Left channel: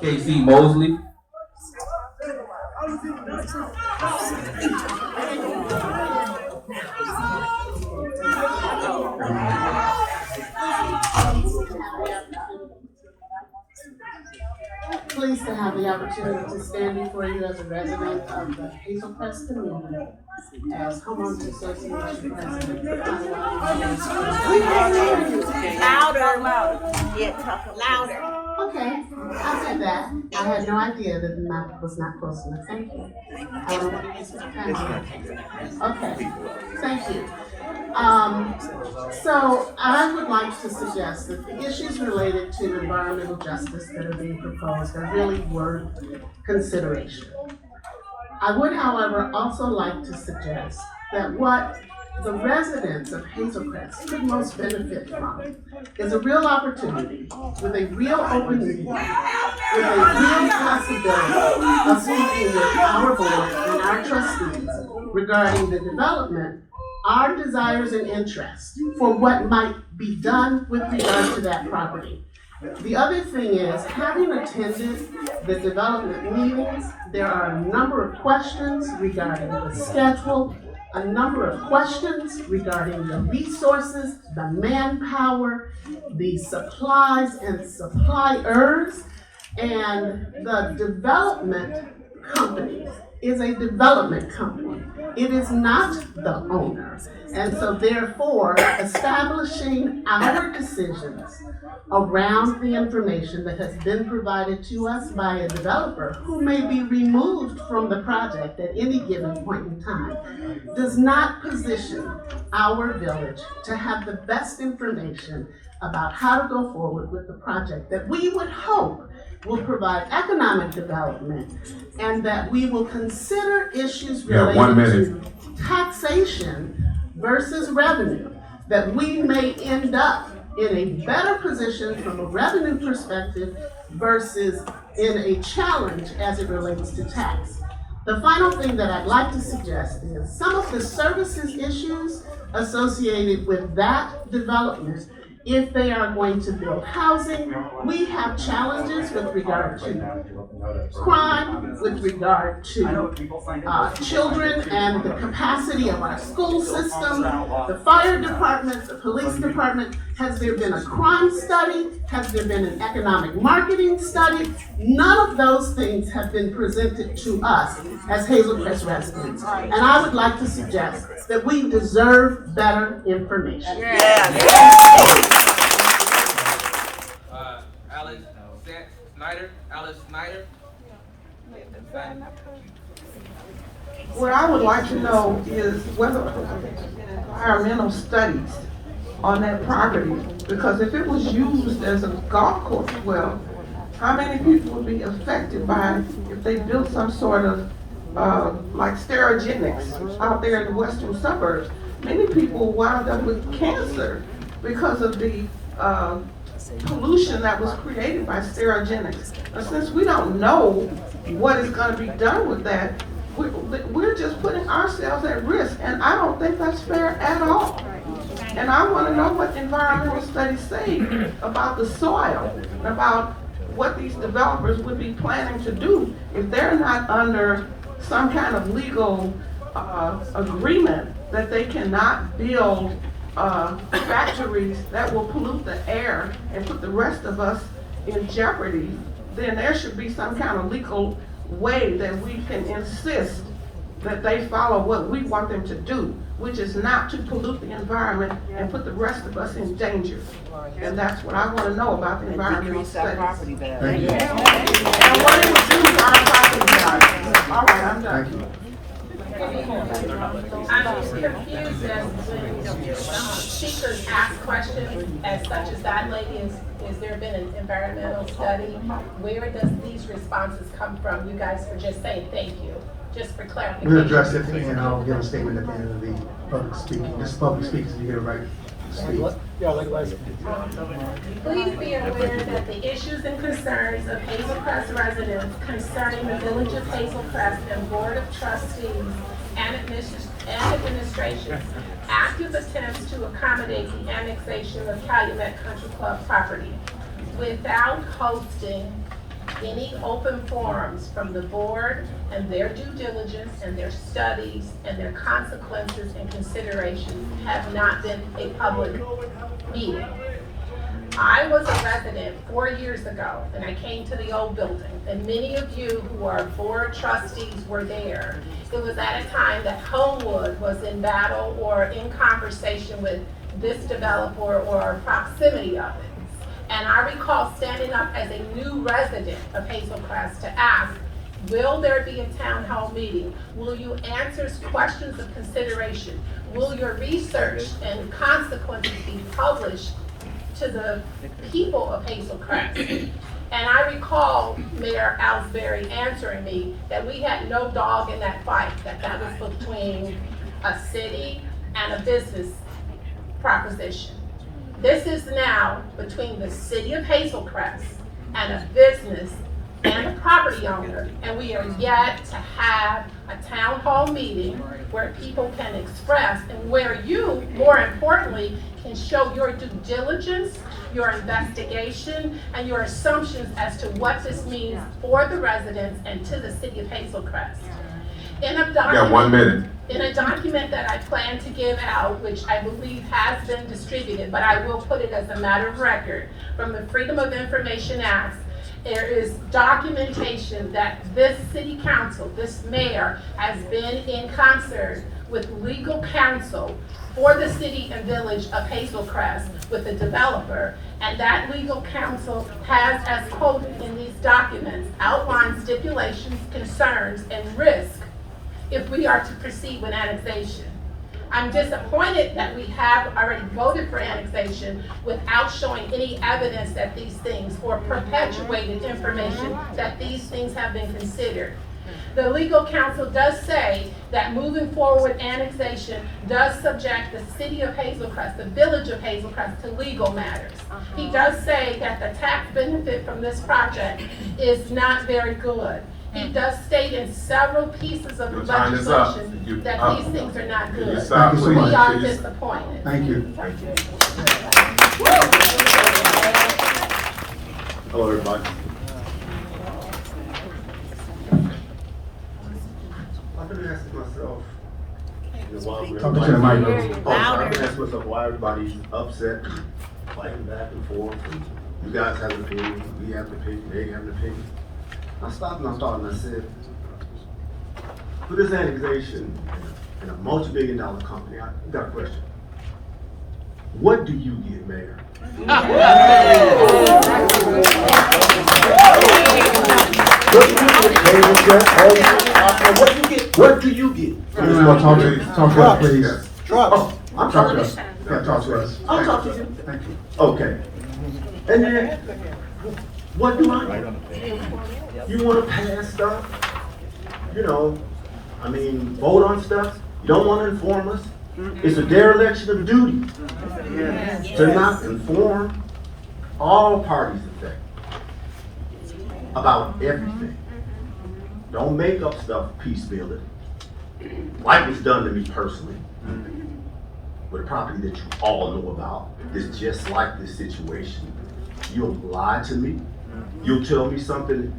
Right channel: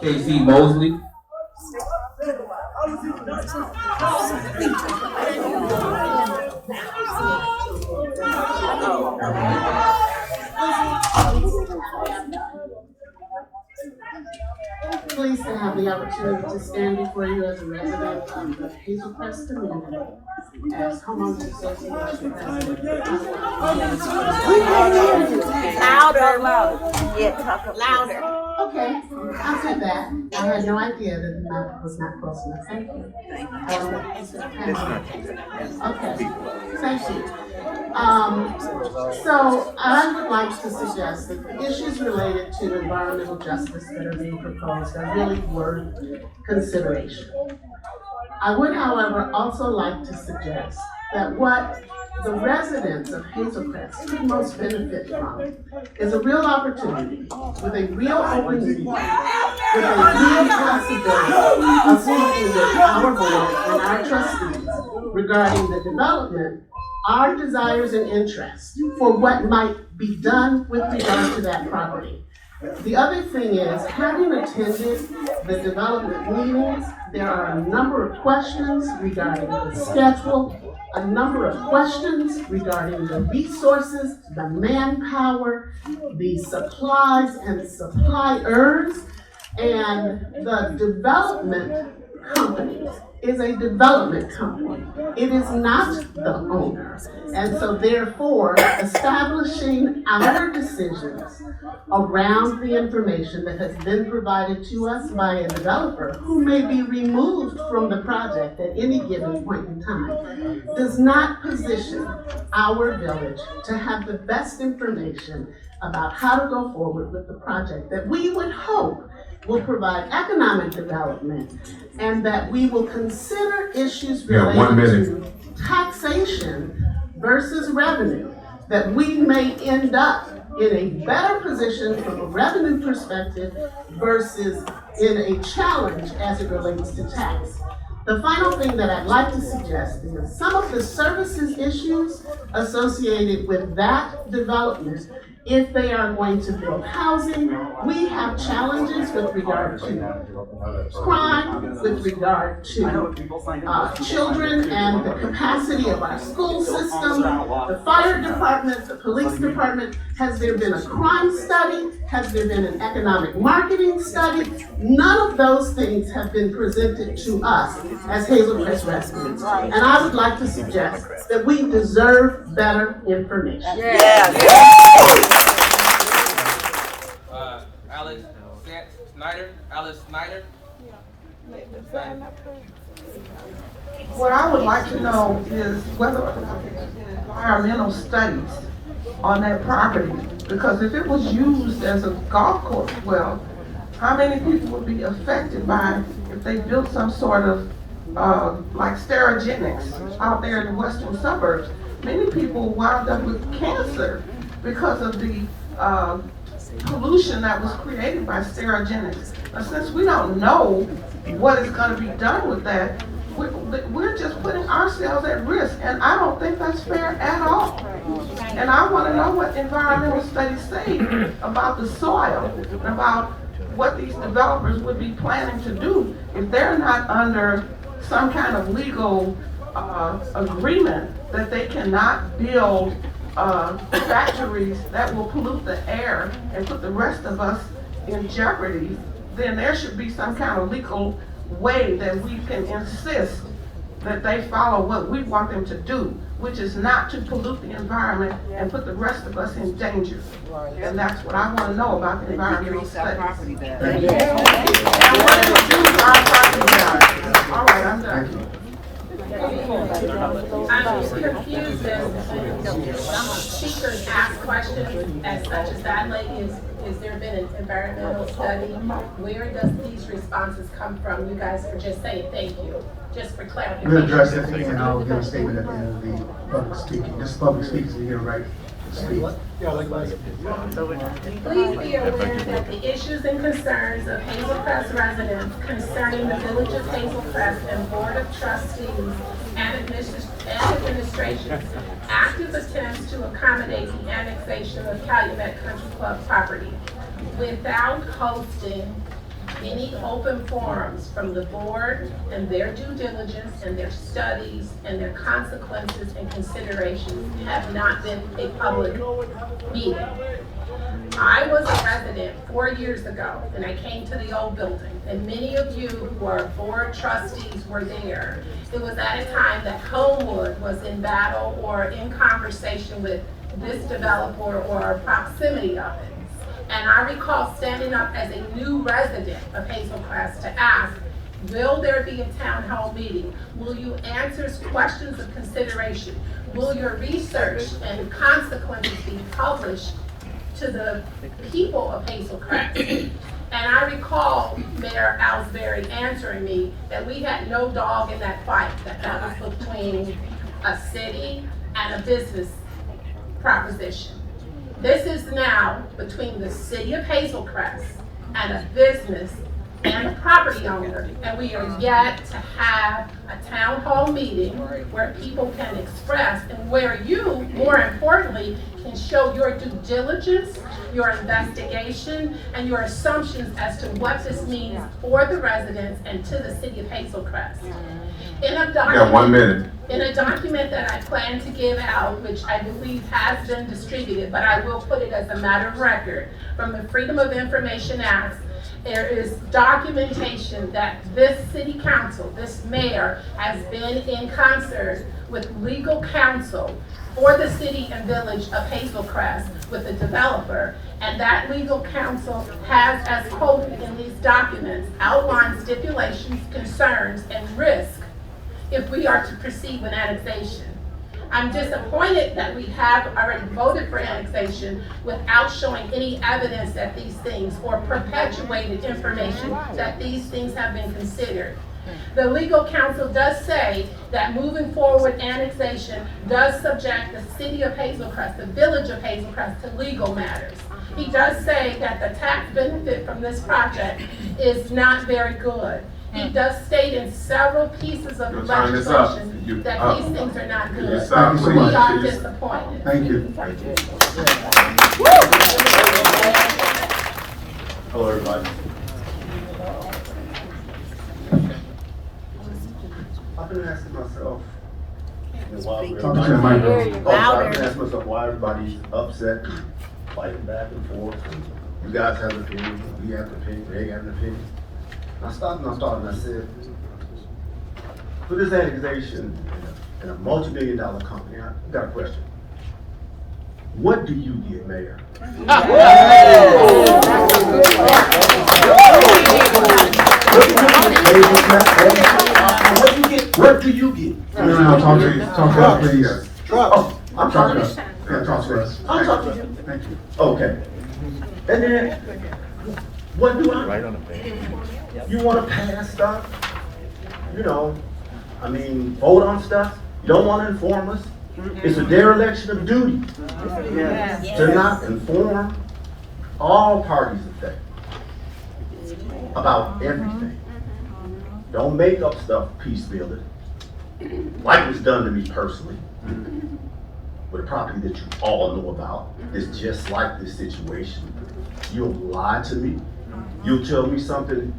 KC Mosley. Pleased to have the opportunity to stand before you as a resident of the Hazel Crest community, as Homeowners Association President. Louder. Yeah, talk louder. Okay, I'll take that. I had no idea that the mic was not close enough. Thank you. I don't want to Okay, thank you. So I would like to suggest that the issues related to environmental justice that are being proposed are really worth consideration. I would, however, also like to suggest that what the residents of Hazel Crest could most benefit from is a real opportunity with a real open meeting, with a real possibility of speaking with our board and our trustees regarding the development, our desires and interests for what might be done with regard to that property. The other thing is, having attended the development meetings, there are a number of questions regarding the schedule, a number of questions regarding the resources, the manpower, the supplies and suppliers, and the development company is a development company. It is not the owner. And so therefore, establishing our decisions around the information that has been provided to us by a developer who may be removed from the project at any given point in time does not position our village to have the best information about how to go forward with the project that we would hope will provide economic development, and that we will consider issues related to taxation versus revenue, that we may end up in a better position from a revenue perspective versus in a challenge as it relates to tax. The final thing that I'd like to suggest is some of the services issues associated with that development. If they are going to build housing, we have challenges with regard to crime, with regard to children and the capacity of our school system, the fire department, the police department. Has there been a crime study? Has there been an economic marketing study? None of those things have been presented to us as Hazel Crest residents. And I would like to suggest that we deserve better information. Alice Snyder. What I would like to know is whether or not there's been environmental studies on that property. Because if it was used as a golf course, well, how many people would be affected by if they built some sort of like Sterigenics out there in the western suburbs? Many people wound up with cancer because of the pollution that was created by Sterigenics. Now, since we don't know what is going to be done with that, we're just putting ourselves at risk, and I don't think that's fair at all. And I want to know what environmental studies say about the soil, and about what these developers would be planning to do if they're not under some kind of legal agreement that they cannot build factories that will pollute the air and put the rest of us in jeopardy. Then there should be some kind of legal way that we can insist that they follow what we want them to do, which is not to pollute the environment and put the rest of us in danger. And that's what I want to know about the environmental studies. All right, I'm done. I'm confused as speakers ask questions as such as that lady is there been an environmental study? Where does these responses come from? You guys are just saying thank you, just for clarification. We'll address that thing and I'll give a statement at the end of the public speaking. This is public speaking, so you get a right to speak. Please be aware that the issues and concerns of Hazel Crest residents concerning the Village of Hazel Crest and Board of Trustees and administration's active attempts to accommodate the annexation of Calumet Country Club property without hosting any open forums from the board and their due diligence and their studies and their consequences and considerations have not been a public meeting. I was a resident 4 years ago, and I came to the old building, and many of you who are board trustees were there. It was at a time that Homewood was in battle or in conversation with this developer or proximity of it. And I recall standing up as a new resident of Hazel Crest to ask, will there be a town hall meeting? Will you answer questions of consideration? Will your research and consequences be published to the people of Hazel Crest? And I recall Mayor Ellsbury answering me that we had no dog in that fight, that was between a city and a business proposition. This is now between the city of Hazel Crest and a business and a property owner, and we are yet to have a town hall meeting where people can express and where you, more importantly, can show your due diligence, your investigation, and your assumptions as to what this means for the residents and to the city of Hazel Crest. In a document, 1 minute. In a document that I plan to give out, which I believe has been distributed, but I will put it as a matter of record, from the Freedom of Information Act, there is documentation that this city council, this mayor, has been in concert with legal counsel for the city and village of Hazel Crest with the developer. And that legal counsel has, as quoted in these documents, outlined stipulations, concerns, and risk if we are to proceed with annexation. I'm disappointed that we have already voted for annexation without showing any evidence that these things, or perpetuated information that these things have been considered. The legal counsel does say that moving forward annexation does subject the city of Hazel Crest, the village of Hazel Crest, to legal matters. He does say that the tax benefit from this project is not very good. He does state in several pieces of legislation that these things are not good. Thank you so much. We are disappointed. Thank you. Hello, everybody. I've been asking myself, while we're Talk to the microphone. I've been asking myself why everybody's upset, fighting back and forth. You guys have an opinion, we have an opinion, they have an opinion. I stopped and I said, for this annexation in a multi-billion-dollar company, I got a question. What do you get, Mayor? What do you get? Talk to us, please. Oh, I'm talking. Talk to us. I'm talking. Thank you. Okay. And then, what do I? Right on the page. You wanna pass stuff? You know, I mean, vote on stuff? You don't wanna inform us? It's a dereliction of duty to not inform all parties affected about everything. Don't make up stuff, peace building, like was done to me personally. With a property that you all know about is just like this situation. You'll lie to me. You'll tell me something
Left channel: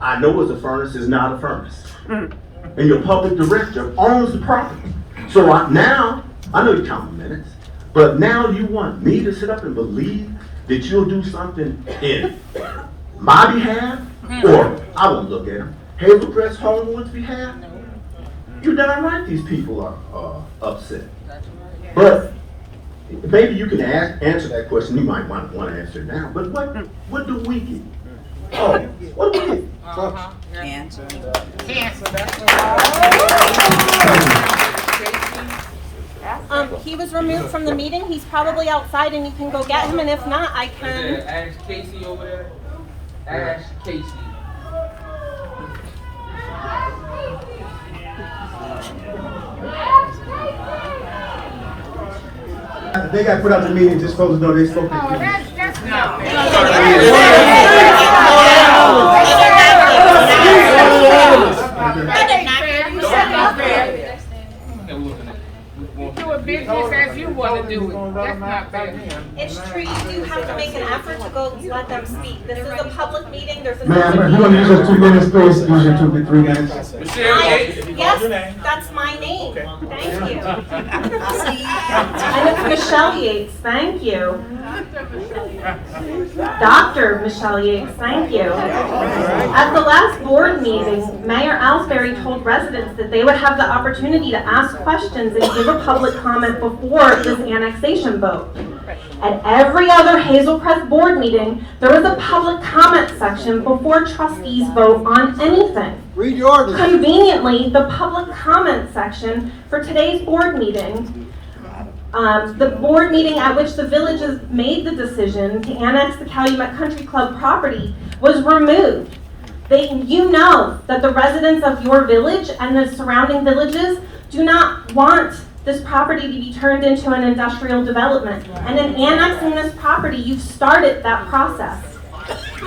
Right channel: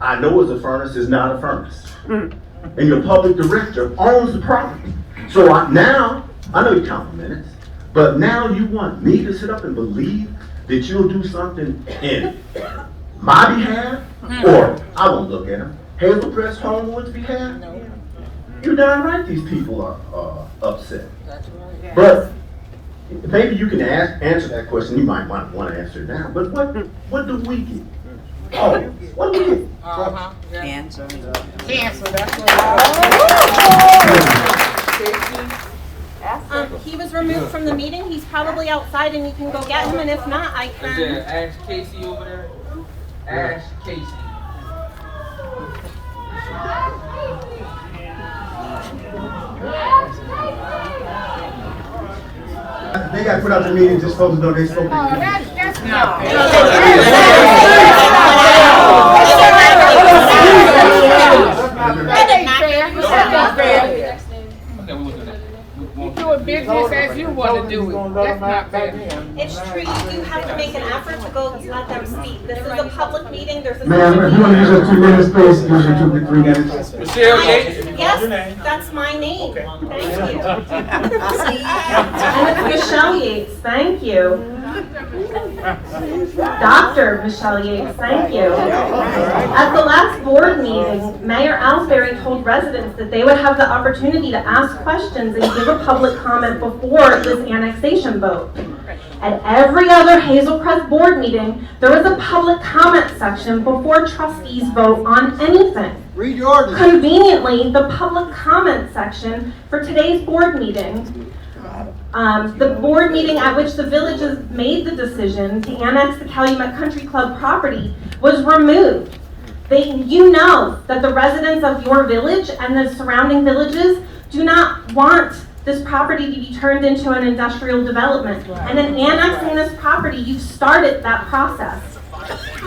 I know is a furnace is not a furnace. And your public director owns the property. So now, I know you count the minutes, but now you want me to sit up and believe that you'll do something in my behalf, or I won't look at them, Hazel Crest Homewood's behalf? You're darn right these people are upset. But maybe you can answer that question. You might want to answer it now. But what do we get? Oh, what do we get? Answer. He was removed from the meeting. He's probably outside and you can go get him, and if not, I can. Is there Ash Casey over there? Ash Casey. They got put out the meeting, just supposed to know they spoke. You do a big they just ask you what to do. That's not fair. It's true, you do have to make an effort to go let them speak. This is a public meeting, there's an Ma'am, open if you want to use meeting. your 2 minutes, please, use your 2 to 3 minutes. Yes, that's my name. Thank you. And it's Michelle Yates, thank you. Dr. Michelle Yates, thank you. At the last board meeting, Mayor Ellsbury told residents that they would have the opportunity to ask questions and give a public comment before this annexation vote. At every other Hazel Crest board meeting, there was a public comment section before trustees vote on anything. Read your orders. Conveniently, the public comment section for today's board meeting, the board meeting at which the villages made the decision to annex the Calumet Country Club property, was removed. You know that the residents of your village and the surrounding villages do not want this property to be turned into an industrial development. And in annexing this property, you've started that process.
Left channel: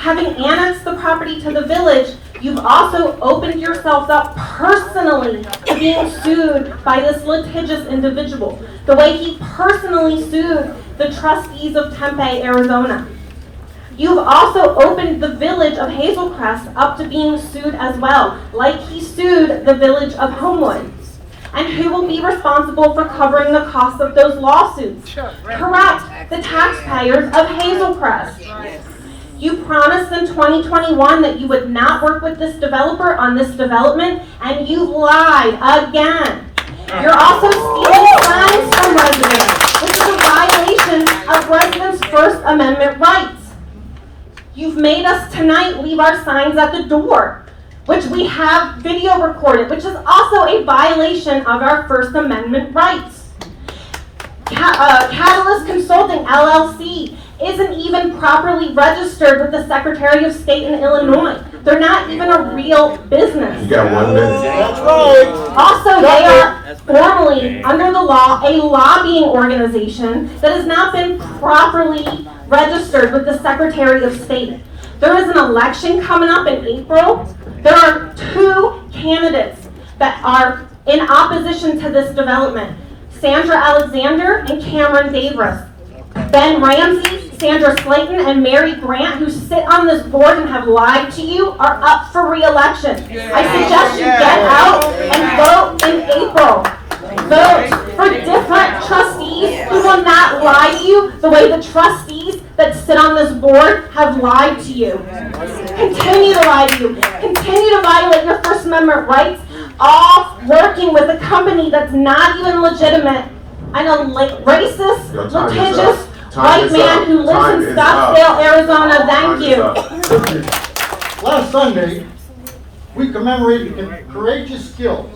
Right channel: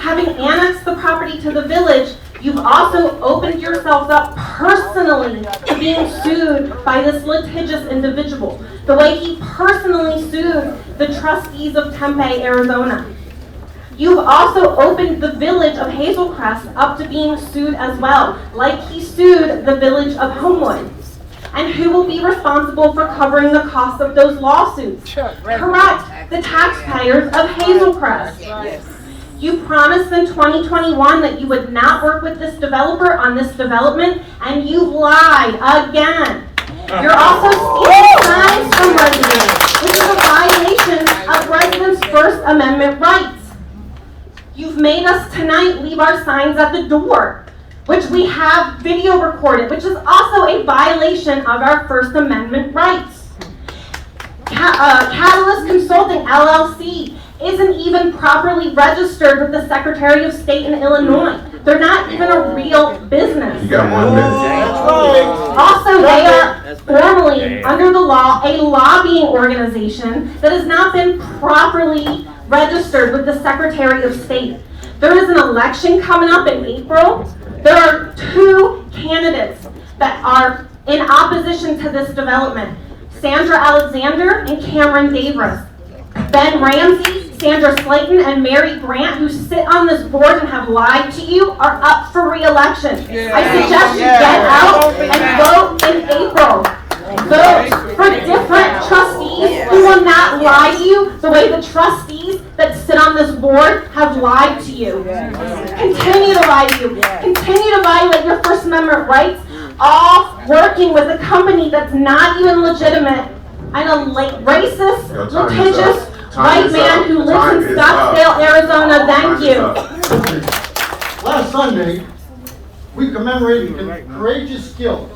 Having annexed the property to the village, you've also opened yourselves up personally to being sued by this litigious individual, the way he personally sued the trustees of Tempe, Arizona. You've also opened the village of Hazel Crest up to being sued as well, like he sued the village of Homewood. And who will be responsible for covering the costs of those lawsuits? Correct, the taxpayers of Hazel Crest. You promised in 2021 that you would not work with this developer on this development, and you've lied again. You're also stealing signs from residents, which is a violation of residents' First Amendment rights. You've made us tonight leave our signs at the door, which we have video recorded, which is also a violation of our First Amendment rights. Catalyst Consulting LLC isn't even properly registered with the Secretary of State in Illinois. They're not even a real business. You got 1 minute. Also, they are formally, under the law, a lobbying organization that has not been properly registered with the Secretary of State. There is an election coming up in April. There are 2 candidates that are in opposition to this development. Sandra Alexander and Cameron Davis. Ben Ramsey, Sandra Slayton, and Mary Grant, who sit on this board and have lied to you, are up for re-election. I suggest you get out and vote in April. Vote for different trustees who will not lie to you the way the trustees that sit on this board have lied to you. Continue to lie to you. Continue to violate your First Amendment rights, all working with a company that's not even legitimate, and a racist, litigious white man who lives in Scottsdale, Arizona. Thank you. Last Sunday, we commemorated the courageous skills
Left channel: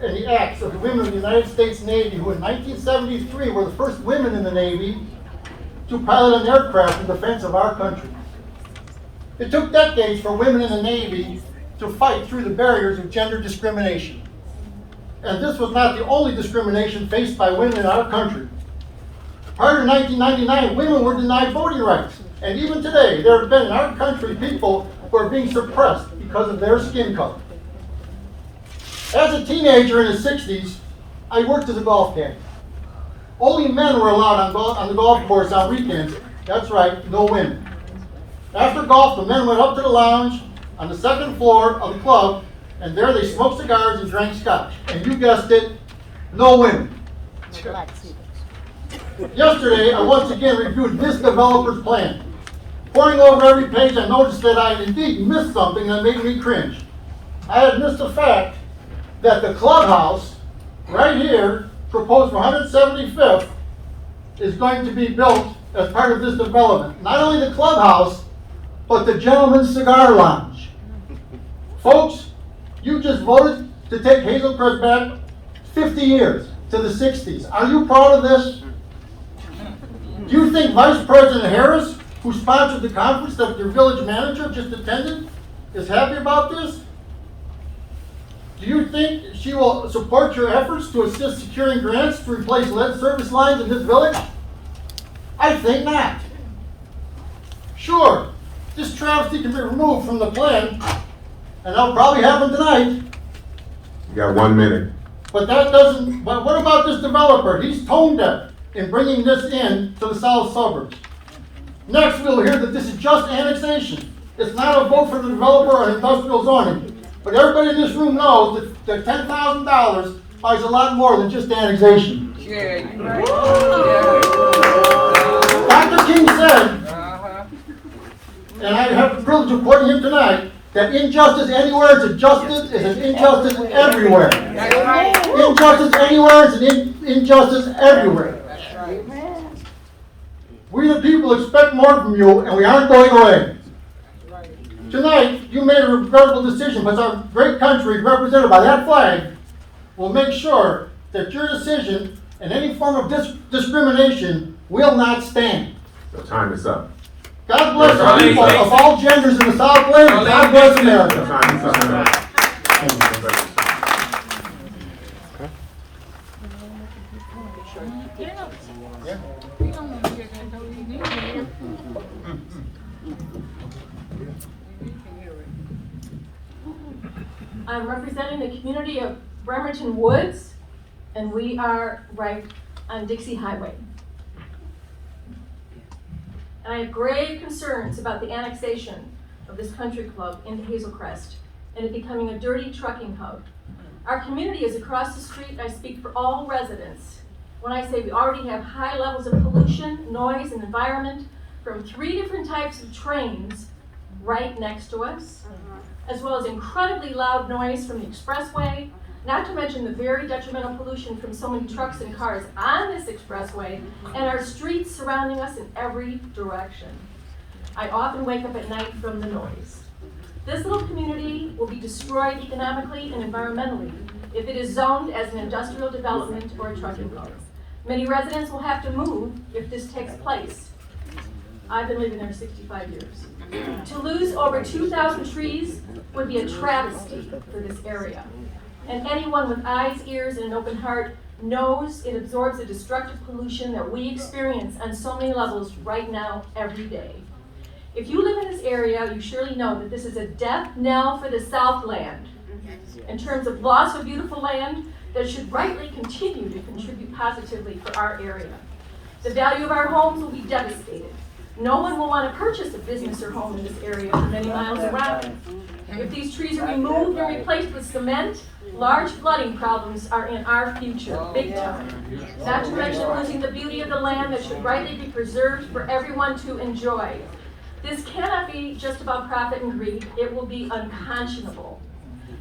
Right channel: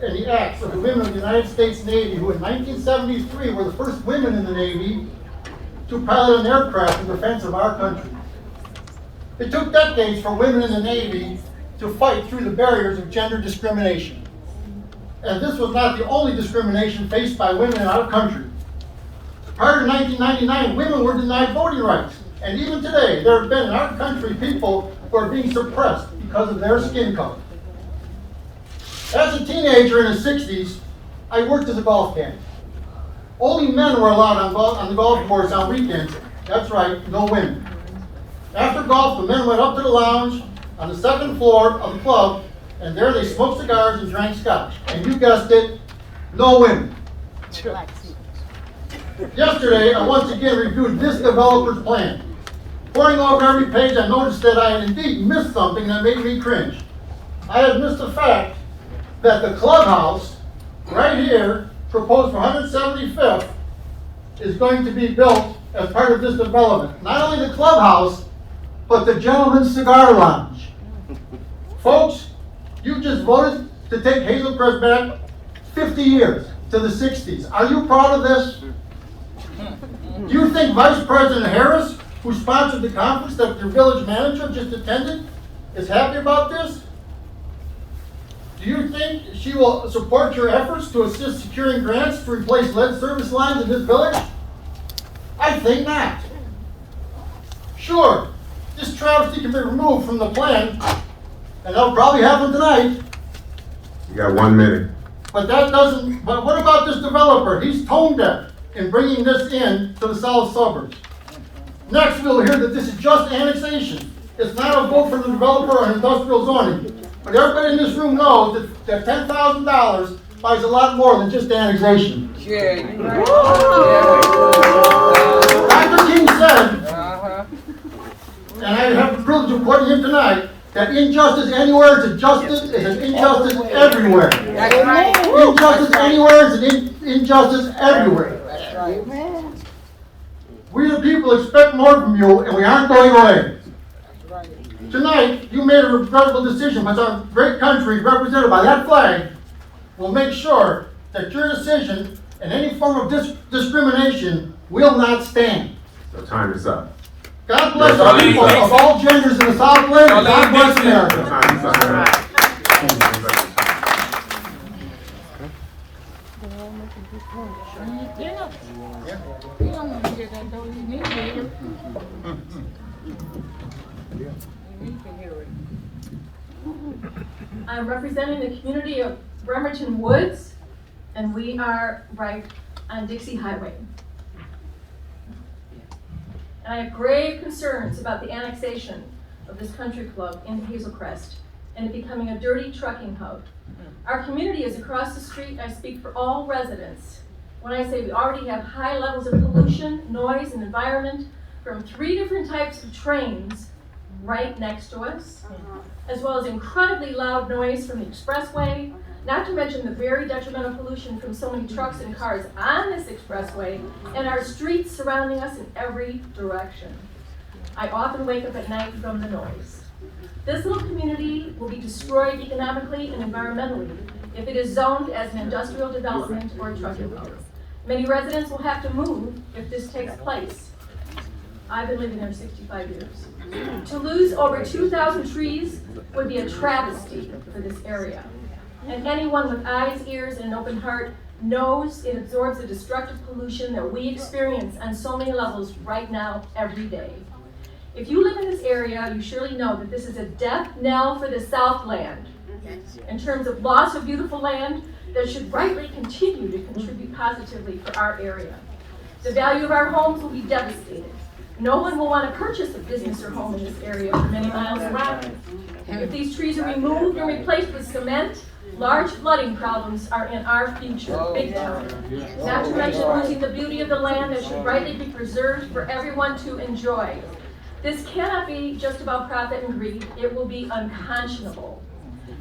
and the acts of the women of the United States Navy, who in 1973 were the first women in the Navy to pilot an aircraft in defense of our country. It took decades for women in the Navy to fight through the barriers of gender discrimination. And this was not the only discrimination faced by women in our country. Prior to 1999, women were denied voting rights. And even today, there have been in our country people who are being suppressed because of their skin color. As a teenager in the 60s, I worked as a golf caddy. Only men were allowed on the golf course on weekends. That's right, no women. After golf, the men went up to the lounge on the 2nd floor of the club, and there they smoked cigars and drank scotch. And you guessed it, no women. Yesterday, I once again reviewed this developer's plan. Poring over every page, I noticed that I had indeed missed something that made me cringe. I had missed the fact that the clubhouse, right here, proposed for 175th, is going to be built as part of this development. Not only the clubhouse, but the Gentleman's Cigar Lounge. Folks, you just voted to take Hazel Crest back 50 years to the 60s. Are you proud of this? Do you think Vice President Harris, who sponsored the conference that your village manager just attended, is happy about this? Do you think she will support your efforts to assist securing grants to replace lead service lines in this village? I think not. Sure, this travesty can be removed from the plan, and that'll probably happen tonight. You got 1 minute. But that doesn't, but what about this developer? He's tone deaf in bringing this in to the south suburbs. Next, we'll hear that this is just annexation. It's not a vote for the developer on industrial zoning. But everybody in this room knows that $10,000 buys a lot more than just annexation. Dr. King said, and I have the privilege of quoting him tonight, that injustice anywhere is an injustice everywhere. Injustice anywhere is an injustice everywhere. We the people expect more from you, and we aren't going away. Tonight, you made a regrettable decision, but our great country, represented by that flag, will make sure that your decision and any form of discrimination will not stand. Your time is up. God bless the people of all genders in the Southland, and God bless America. Your time is up. I'm representing the community of Bremerton Woods, and we are right on Dixie Highway. And I have grave concerns about the annexation of this country club into Hazel Crest and it becoming a dirty trucking hub. Our community is across the street. I speak for all residents when I say we already have high levels of pollution, noise, and environment from 3 different types of trains right next to us, as well as incredibly loud noise from the expressway, not to mention the very detrimental pollution from so many trucks and cars on this expressway and our streets surrounding us in every direction. I often wake up at night from the noise. This little community will be destroyed economically and environmentally if it is zoned as an industrial development or a trucking hub. Many residents will have to move if this takes place. I've been living there 65 years. To lose over 2,000 trees would be a travesty for this area. And anyone with eyes, ears, and an open heart knows it absorbs the destructive pollution that we experience on so many levels right now, every day. If you live in this area, you surely know that this is a death knell for the Southland in terms of loss of beautiful land that should rightly continue to contribute positively for our area. The value of our homes will be devastated. No one will want to purchase a business or home in this area for many miles around. If these trees are removed and replaced with cement, large flooding problems are in our future, big time. Not to mention losing the beauty of the land that should rightly be preserved for everyone to enjoy. This cannot be just about profit and greed. It will be unconscionable.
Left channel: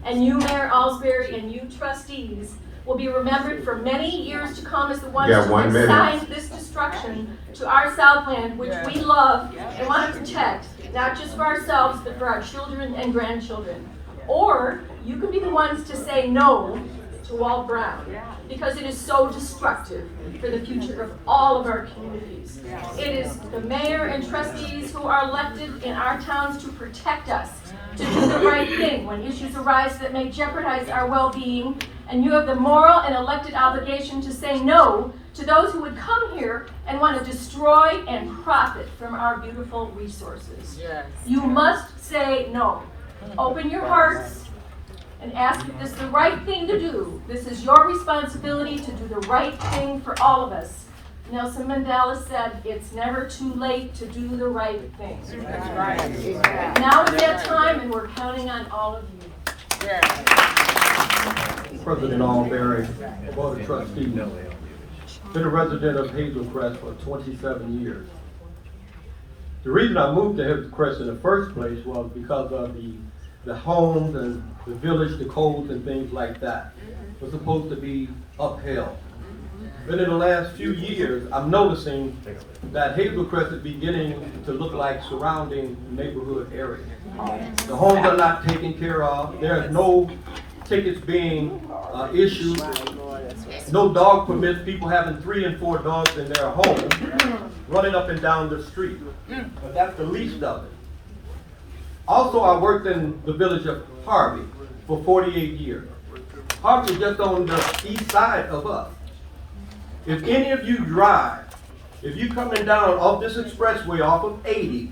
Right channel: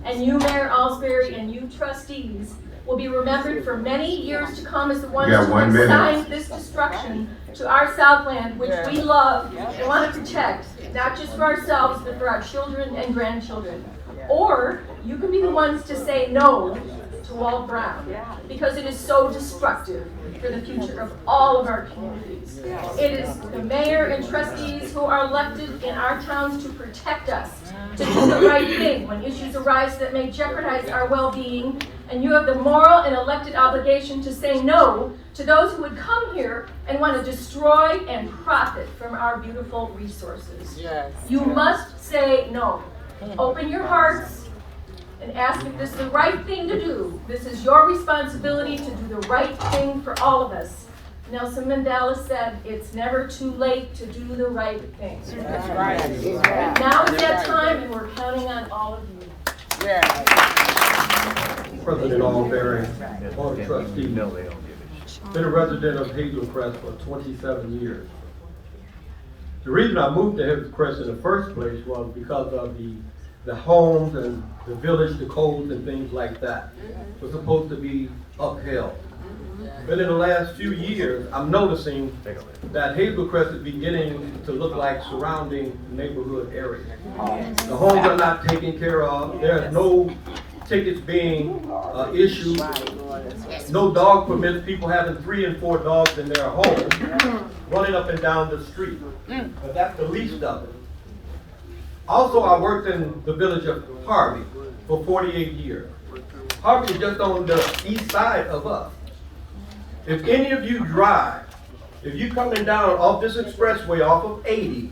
And you, Mayor Alsbury, and you trustees will be remembered for many years to come as the ones who consigned this destruction to our Southland, which we love and want to protect, not just for ourselves, but for our children and grandchildren. Or you can be the ones to say no to Walt Brown, because it is so destructive for the future of all of our communities. It is the mayor and trustees who are elected in our towns to protect us, to do the right thing when issues arise that may jeopardize our well-being, and you have the moral and elected obligation to say no to those who would come here and want to destroy and profit from our beautiful resources. You must say no. Open your hearts and ask if this is the right thing to do. This is your responsibility to do the right thing for all of us. Nelson Mandela said, it's never too late to do the right thing. Now is that time, and we're counting on all of you. President Albury, Board of Trustees, been a resident of Hazel Crest for 27 years. The reason I moved to Hazel Crest in the first place was because of the homes and the village, the codes and things like that were supposed to be upheld. But in the last few years, I'm noticing that Hazel Crest is beginning to look like surrounding neighborhood areas. The homes are not taken care of. There's no tickets being issued. No dog permits, people having 3 and 4 dogs in their home, running up and down the street. But that's the least of it. Also, I worked in the village of Harvey for 48 years. Harvey is just on the east side of us. If any of you drive, if you're coming down off this expressway off of 80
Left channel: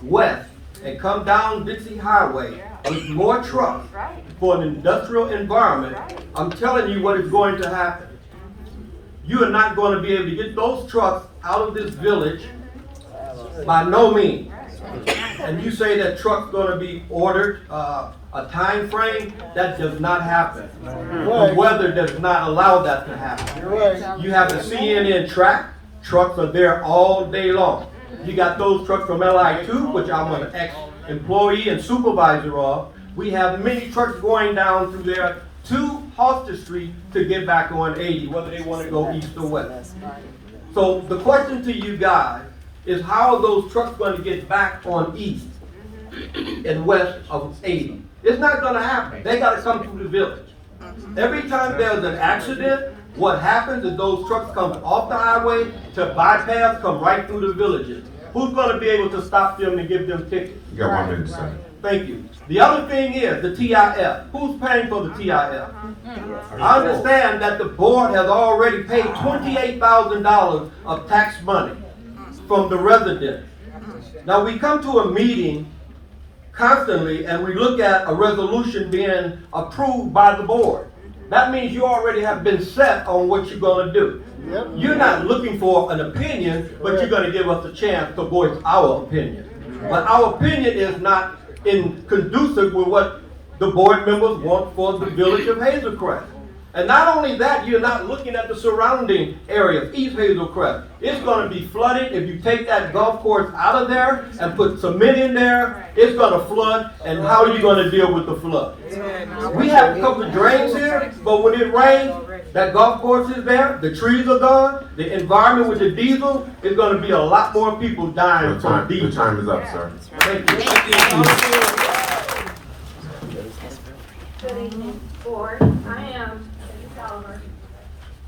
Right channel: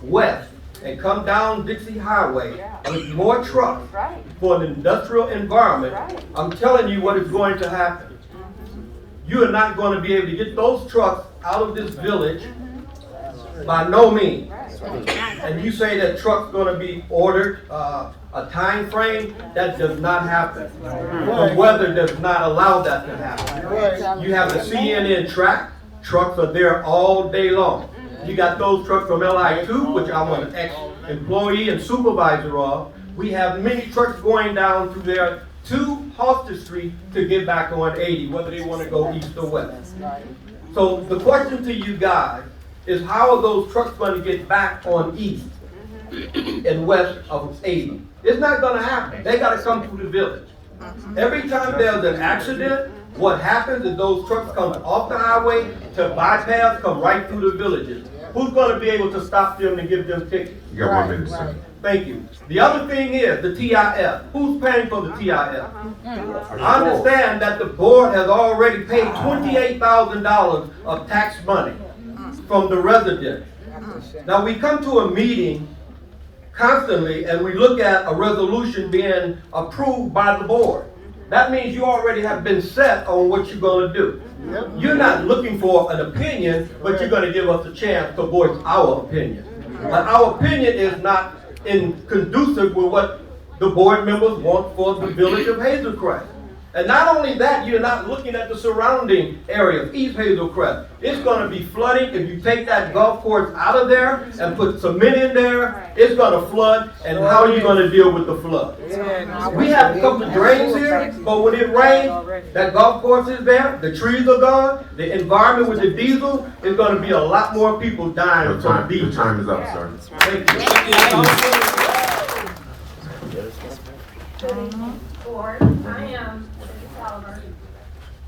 west, and come down Dixie Highway with more trucks for an industrial environment, I'm telling you what is going to happen. You are not going to be able to get those trucks out of this village by no means. And you say that truck's going to be ordered, a time frame, that does not happen. The weather does not allow that to happen. You have the CNN track, trucks are there all day long. You got those trucks from LI2, which I'm an ex-employee and supervisor of. We have many trucks going down through there to Hoster Street to get back on 80, whether they want to go east or west. So the question to you guys is, how are those trucks going to get back on east and west of 80? It's not going to happen. They got to come through the village. Every time there's an accident, what happens is those trucks come off the highway to bypass, come right through the villages. Who's going to be able to stop them and give them tickets? You got 1 minute, sir. Thank you. The other thing is the TIF. Who's paying for the TIF? I understand that the board has already paid $28,000 of tax money from the residents. Now we come to a meeting constantly and we look at a resolution being approved by the board. That means you already have been set on what you're going to do. You're not looking for an opinion, but you're going to give us a chance to voice our opinion. But our opinion is not conducive with what the board members want for the village of Hazel Crest. And not only that, you're not looking at the surrounding areas, East Hazel Crest. It's going to be flooding. If you take that golf course out of there and put cement in there, it's going to flood. And how are you going to deal with the flood? We have a couple of drains here, but when it rains, that golf course is there, the trees are gone, the environment with the diesel is going to be a lot more people dying from diesel. The time is up, sir. Thank you. Good evening, board. I am Oliver.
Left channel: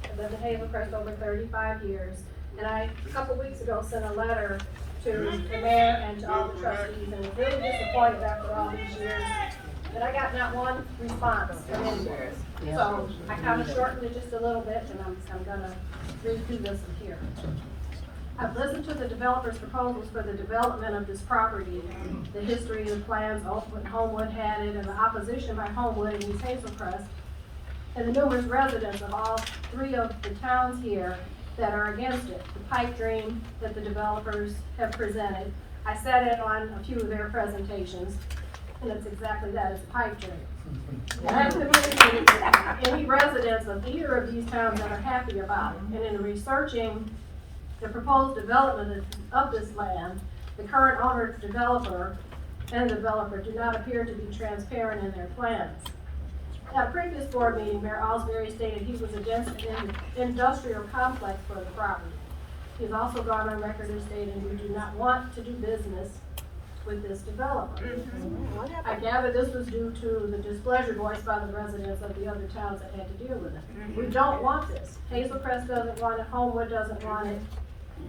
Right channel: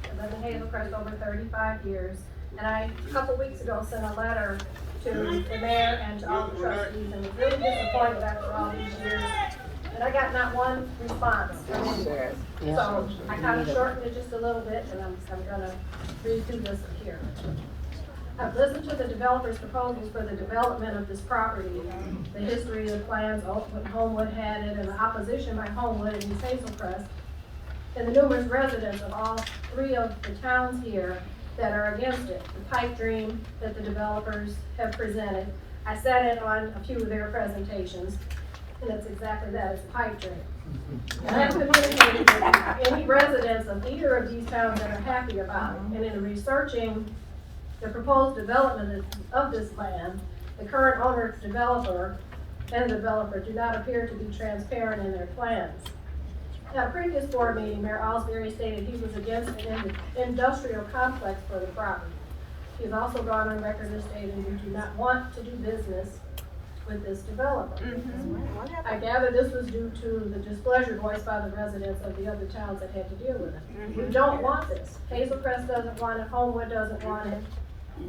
I've lived in Hazel Crest over 35 years, and I, a couple weeks ago, sent a letter to the mayor and to all the trustees, and was really disappointed after all these years that I got not one response from anywhere. So I kind of shortened it just a little bit, and I'm gonna read through this here. I've listened to the developer's proposals for the development of this property, the history of the plans, when Homewood had it, and the opposition by Homewood and East Hazel Crest, and the numerous residents of all 3 of the towns here that are against it. The pipe dream that the developers have presented. I sat in on a few of their presentations, and it's exactly that, it's a pipe dream. And I couldn't believe that any residents of either of these towns that are happy about it. And in researching the proposed development of this land, the current owner, developer, and the developer do not appear to be transparent in their plans. At a previous board meeting, Mayor Alsbury stated he was against an industrial complex for the property. He's also gone on record as stating we do not want to do business with this developer. I gather this was due to the displeasure voiced by the residents of the other towns that had to deal with it. We don't want this. Hazel Crest doesn't want it, Homewood doesn't want it,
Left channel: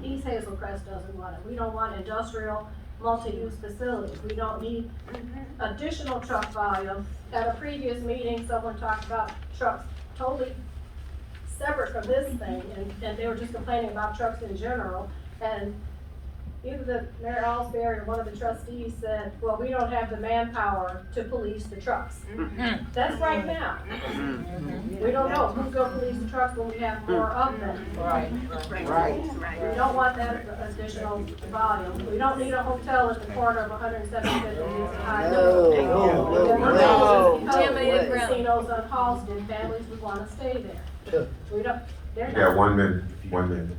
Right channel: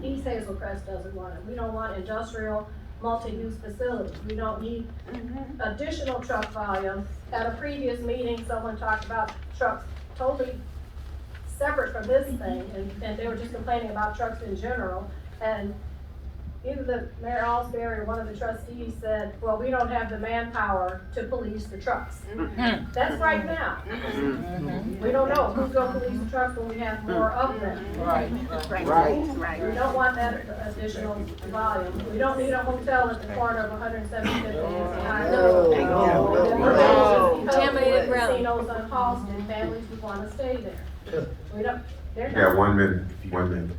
East Hazel Crest doesn't want it. We don't want industrial multi-use facilities. We don't need additional truck volume. At a previous meeting, someone talked about trucks totally separate from this thing, and they were just complaining about trucks in general. And either the Mayor Alsbury or one of the trustees said, well, we don't have the manpower to police the trucks. That's right now. We don't know who's gonna police the trucks when we have more of them. Right. We don't want that additional volume. We don't need a hotel at the corner of 175th and Highway. Contaminated casinos on Halston, families would wanna stay there. We don't, they're not. Yeah, 1 minute, 1 minute.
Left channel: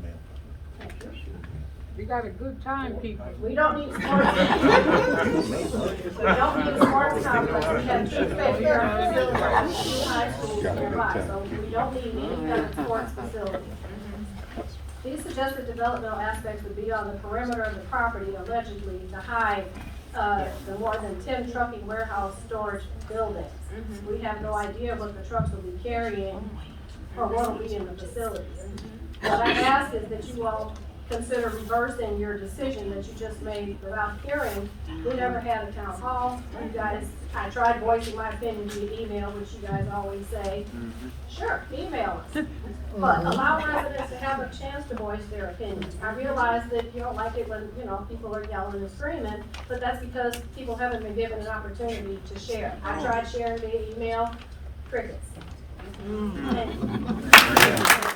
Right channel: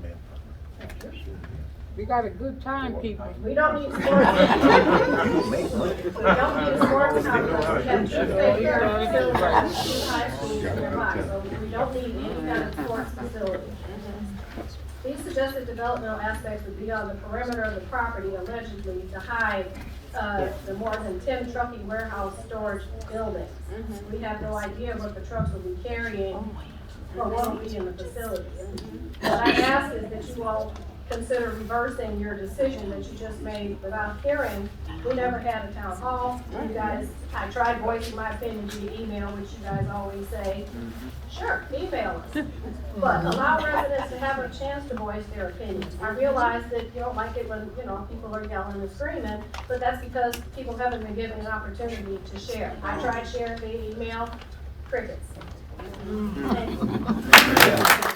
We got a good time, people. We don't need sports. We don't need a sports complex. We have 2 playground facilities, 2 high schools nearby, so we don't need any kind of sports facility. These suggested developmental aspects would be on the perimeter of the property allegedly to hide the more than 10 trucking warehouse storage buildings. We have no idea what the trucks will be carrying or what will be in the facilities. What I ask is that you all consider reversing your decision that you just made without hearing. We never had a town hall. You guys, I tried voicing my opinion via email, which you guys always say, sure, email us. But allow residents to have a chance to voice their opinions. I realize that you don't like it when, people are yelling and screaming, but that's because people haven't been given an opportunity to share. I tried sharing via email, crickets. Thank you.